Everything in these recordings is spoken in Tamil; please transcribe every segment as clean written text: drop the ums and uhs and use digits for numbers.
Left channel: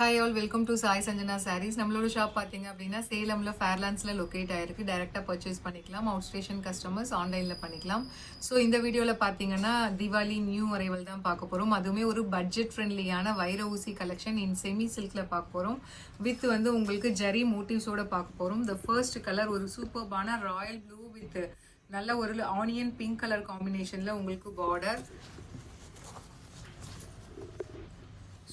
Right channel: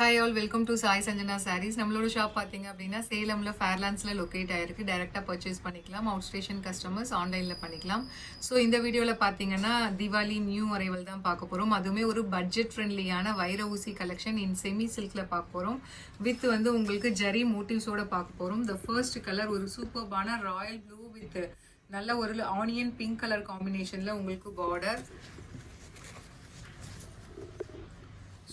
Hi all, welcome to Sai Sanjana Sarees. நம்மளோட ஷாப் பார்த்தீங்க அப்படின்னா சேலம்ல ஃபேர்லாண்ட்ஸில் லொக்கேட் ஆயிருக்கு. டைரெக்டாக பர்ச்சேஸ் பண்ணிக்கலாம். அவுட் ஸ்டேஷன் கஸ்டமர்ஸ் ஆன்லைனில் பண்ணிக்கலாம். ஸோ இந்த வீடியோவில் பார்த்தீங்கன்னா தீபாவளி நியூ அரைவல் தான் பார்க்க போகிறோம். அதுவுமே ஒரு பட்ஜெட் ஃப்ரெண்ட்லியான வைர ஊசி கலெக்ஷன் இன் செமி சில்கில் பார்க்க போகிறோம். வித் வந்து உங்களுக்கு ஜரி மோட்டிவ்ஸோட பார்க்க போகிறோம். த ஃபர்ஸ்ட் கலர் ஒரு சூப்பர்பான ராயல் ப்ளூ வித் நல்ல ஒரு ஆனியன் பிங்க் கலர் காம்பினேஷனில் உங்களுக்கு border.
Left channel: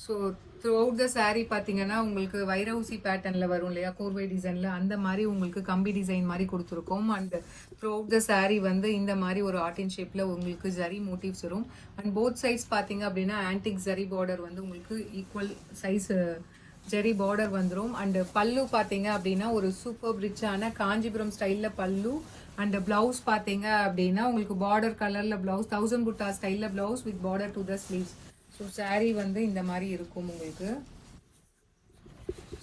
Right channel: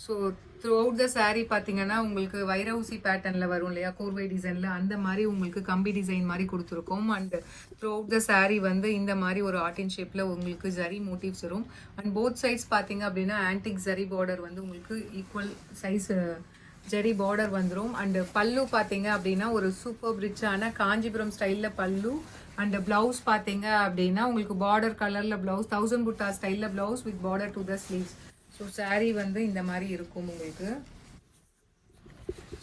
So through out the sari பார்த்தீங்கன்னா உங்களுக்கு வைர ஊசி பேட்டர்னில் வரும் இல்லையா, கோர்வை டிசைனில், அந்த மாதிரி உங்களுக்கு கம்பி டிசைன் மாதிரி கொடுத்துருக்கோம். And through out the sari வந்து இந்த மாதிரி ஒரு ஆர்டின் ஷேப்பில் உங்களுக்கு ஜரி மோட்டிவ்ஸ் வரும். அண்ட் போத் சைட்ஸ் பார்த்தீங்க அப்படின்னா ஆன்டிக் ஜரி பார்டர் வந்து உங்களுக்கு ஈக்குவல் சைஸ் ஜரி பார்டர் வந்துடும். அண்ட் பல்லு பார்த்தீங்க அப்படின்னா ஒரு சூப்பர் ரிச்சான காஞ்சிபுரம் ஸ்டைலில் பல்லு. அண்ட் பிளவுஸ் பார்த்தீங்க அப்படின்னா உங்களுக்கு பார்டர் கலரில் பிளவுஸ், 1000 புட்டா ஸ்டைலில் blouse with border to the sleeves. So sari வந்து இந்த மாதிரி இருக்கும் உங்களுக்கு.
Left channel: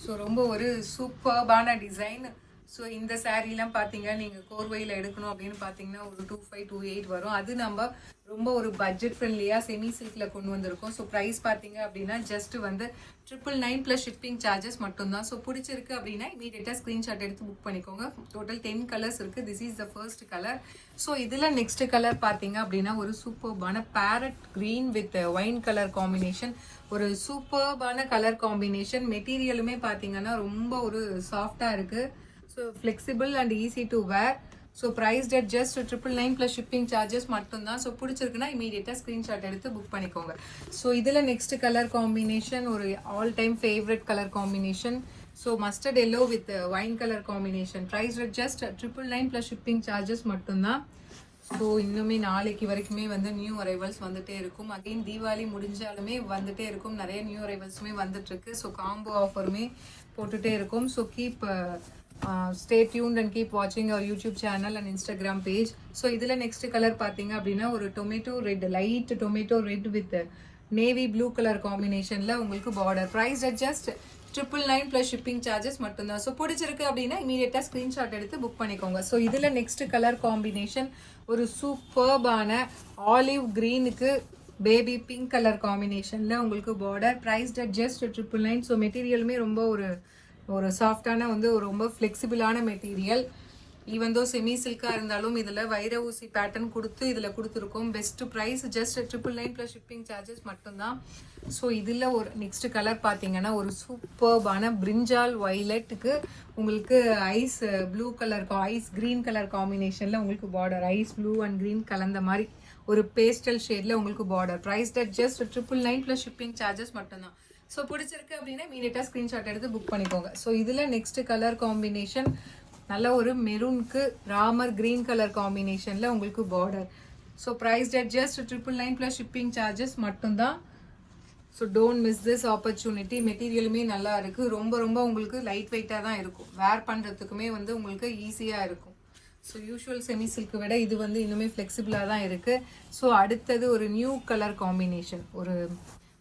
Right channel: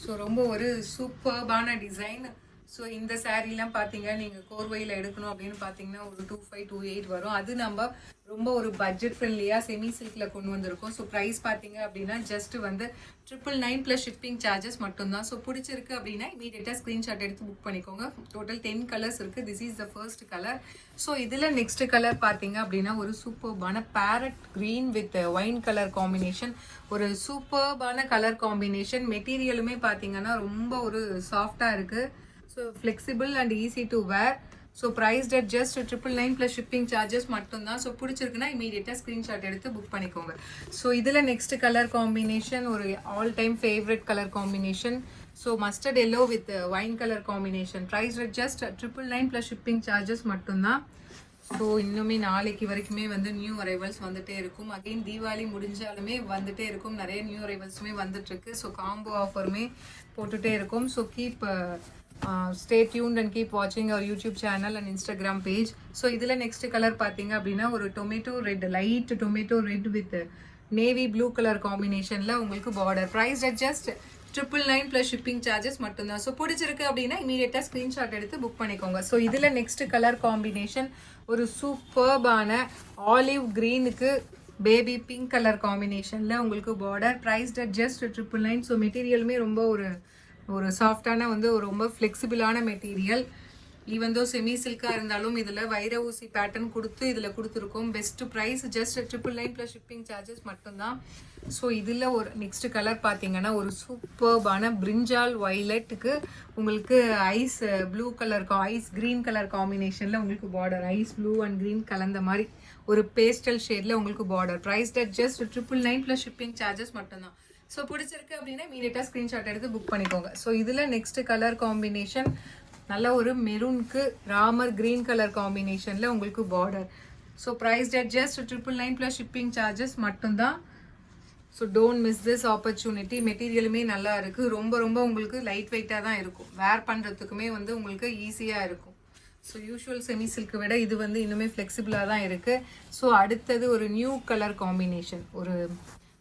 ஸோ ரொம்ப ஒரு சூப்பர்பான டிசைன். ஸோ இந்த சாரீலாம் பார்த்தீங்க நீங்கள் கோர்வையில் எடுக்கணும் அப்படின்னு பார்த்தீங்கன்னா ஒரு 2528 வரும். அது நம்ம ரொம்ப ஒரு பட்ஜெட் ஃப்ரெண்ட்லியாக செமி சில்கில் கொண்டு வந்திருக்கோம். ஸோ ப்ரைஸ் பார்த்தீங்க அப்படின்னா ஜஸ்ட் வந்து 999 ப்ளஸ் ஷிப்பிங் சார்ஜஸ் மட்டும்தான். ஸோ பிடிச்சிருக்கு அப்படின்னா இமீடியட்டாக ஸ்க்ரீன்ஷாட் எடுத்து புக் பண்ணிக்கோங்க. டோட்டல் 10 கலர்ஸ் இருக்குது. This is the first colour. So இதில் நெக்ஸ்ட் கலர் பார்த்தீங்க அப்படின்னா ஒரு சூப்பர்பான parrot green with wine colour combination. ஒரு சூப்பர்பான கலர் காம்பினேஷன். மெட்டீரியலுமே பார்த்தீங்கன்னா ரொம்ப ஒரு சாஃப்டாக இருக்குது. So flexible and easy to wear. So price at just 999 plus shipping charges மட்டும்தான். ஸோ பிடிச்சிருக்குன்னா இமீடியட்டாக ஸ்க்ரீன்ஷாட் எடுத்து புக் பண்ணிக்கோங்க. ஸோ இதில் நெக்ஸ்ட் கலர் காம்பினேஷன் ஒரு all time favourite colour combination. So mustard yellow with wine colour combination. Price at just 999 plus shipping charges மட்டும்தான். ஸோ இன்னுமே நாளைக்கு வரைக்குமே வந்து நியூ அரைவல்ஸ் வந்துட்டே இருக்கும். அகைன் தீபாவளி முடிஞ்சாலுமே வந்துட்டே இருக்கும். நிறைய நியூ அரைவல்ஸுமே வந்துட்டு இருக்கு. ஸோ காம்போ ஆஃபருமே போட்டுட்டே இருக்கும். So keep stay tuned and keep watching our YouTube channel and Instagram page. So இதில் நெக்ஸ்ட் கலர் பார்த்தீங்க அப்படின்னா ஒரு tomato red, light tomato red with navy blue colour காம்பினேஷனில் உங்களுக்கு border. Price at just 999 plus shipping charges மட்டும்தான். ஸோ பிடிச்சிருக்கு அப்படின்னா இமீடியட்டாக ஸ்க்ரீன்ஷாட் எடுத்து புக் பண்ணிக்கோங்க. ஸோ இதில் நெக்ஸ்ட் கலர் காம்பினேஷன் ஒரு சூப்பர்பான ஆலிவ் க்ரீனுக்கு பேபி பிங்க் கலர் காம்பினேஷனில் உங்களுக்கு border. Price at just 999. So மெட்டீரியலுமே ரொம்ப ஒரு சாஃப்டான வந்து ஒரு ரொம்ப ஃப்ளெக்சிபிளான மெட்டீரியல். ஈவன் தோ செமி சில்காக இருந்தாலும் இதில் வைர ஊசி பேட்டர்ன் கொடுத்து இதில் கொடுத்துருக்கோம். Best price just 999 plus shipping charges மட்டும்தான். ஸோ இதில் ஒரு நெக்ஸ்ட் கலர் பார்த்தீங்கன்னா ஒரு சூப்பர்பான பிரிஞ்சால் வைலட்டுக்கு உங்களுக்கு ice blue colour, ice green colour காம்பினேஷனில் உங்களுக்கு border. Ice blue and green கலந்த மாதிரி ஒரு பேஸ்டல் ஷேடில் உங்களுக்கு border. Price at just 999 plus shipping charges மட்டும்தான். ஸோ பிடிச்சிருக்கு அப்படின்னா இமீடியட்டாக ஸ்க்ரீன்ஷாட் எடுத்து புக் பண்ணிக்கோங்க. ஸோ இதில் நெக்ஸ்ட் கலர் காம்பினேஷன் நல்ல ஒரு மெரூனுக்கு ராமர் கிரீன் கலர் காம்பினேஷனில் உங்களுக்கு border. So price at just 999 plus shipping charges மட்டும்தான். So don't miss this opportunity. மெட்டீரியலுமே நல்லா இருக்குது. ரொம்ப உங்களுக்கு லைட் வெயிட்டாக தான் இருக்கும். வேர் பண்ணுறதுக்குமே வந்து உங்களுக்கு ஈஸியாக இருக்கும். ஸோ யூஷுவல் செமி சில்க்கு விட இது வந்து இன்னுமே ஃப்ளெக்சிபிளாக தான் இருக்குது. ஸோ அடுத்தது ஒரு நியூ கலர் காம்பினேஷன், ஒரு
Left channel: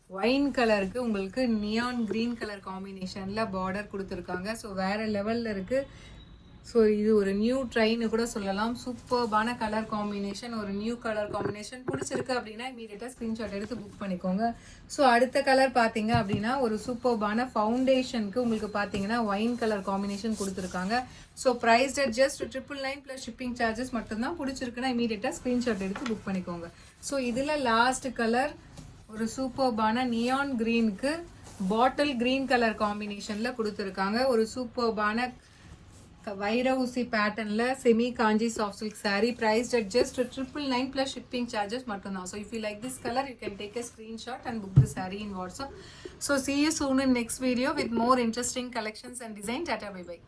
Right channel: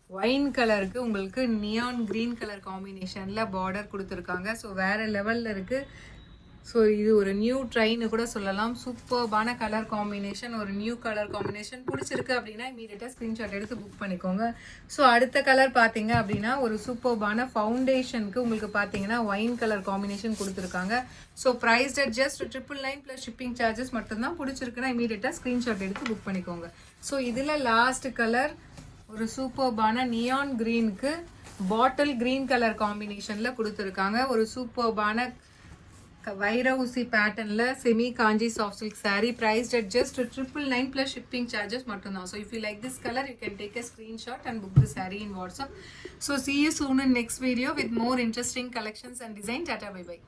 ஒயின் கலருக்கு உங்களுக்கு நியான் கிரீன் கலர் காம்பினேஷனில் பார்டர் கொடுத்துருக்காங்க. ஸோ வேறு லெவலில் இருக்குது. ஸோ இது ஒரு நியூ ட்ரெயின்னு கூட சொல்லலாம். சூப்பர்பான கலர் காம்பினேஷன், ஒரு நியூ கலர் காம்பினேஷன். பிடிச்சிருக்கு அப்படின்னா இமீடியட்டாக ஸ்க்ரீன்ஷாட் எடுத்து புக் பண்ணிக்கோங்க. ஸோ அடுத்த கலர் பார்த்தீங்க அப்படின்னா ஒரு சூப்பர்பான ஃபவுண்டேஷனுக்கு உங்களுக்கு பார்த்தீங்கன்னா ஒயின் கலர் காம்பினேஷன் கொடுத்துருக்காங்க. So price at just 999 plus shipping charges மட்டும்தான். பிடிச்சிருக்குன்னா இமீடியட்டாக ஸ்க்ரீன்ஷாட் எடுத்து புக் பண்ணிக்கோங்க. ஸோ இதில் லாஸ்ட் கலர் ஒரு சூப்பர்பான நியான் கிரீனுக்கு பாட்டில் கிரீன் கலர் காம்பினேஷன்ல கொடுத்துருக்காங்க. ஒரு சூப்பர்பான வைர ஊசி பேட்டர்ன்ல semi Kanchi soft silk sari. Priced at just 999 plus shipping charges மட்டும்தான். So if you like this colour you can take a screenshot and book the saree in WhatsApp. So see you soon in next video with more interesting collections and design. Tata, bye bye.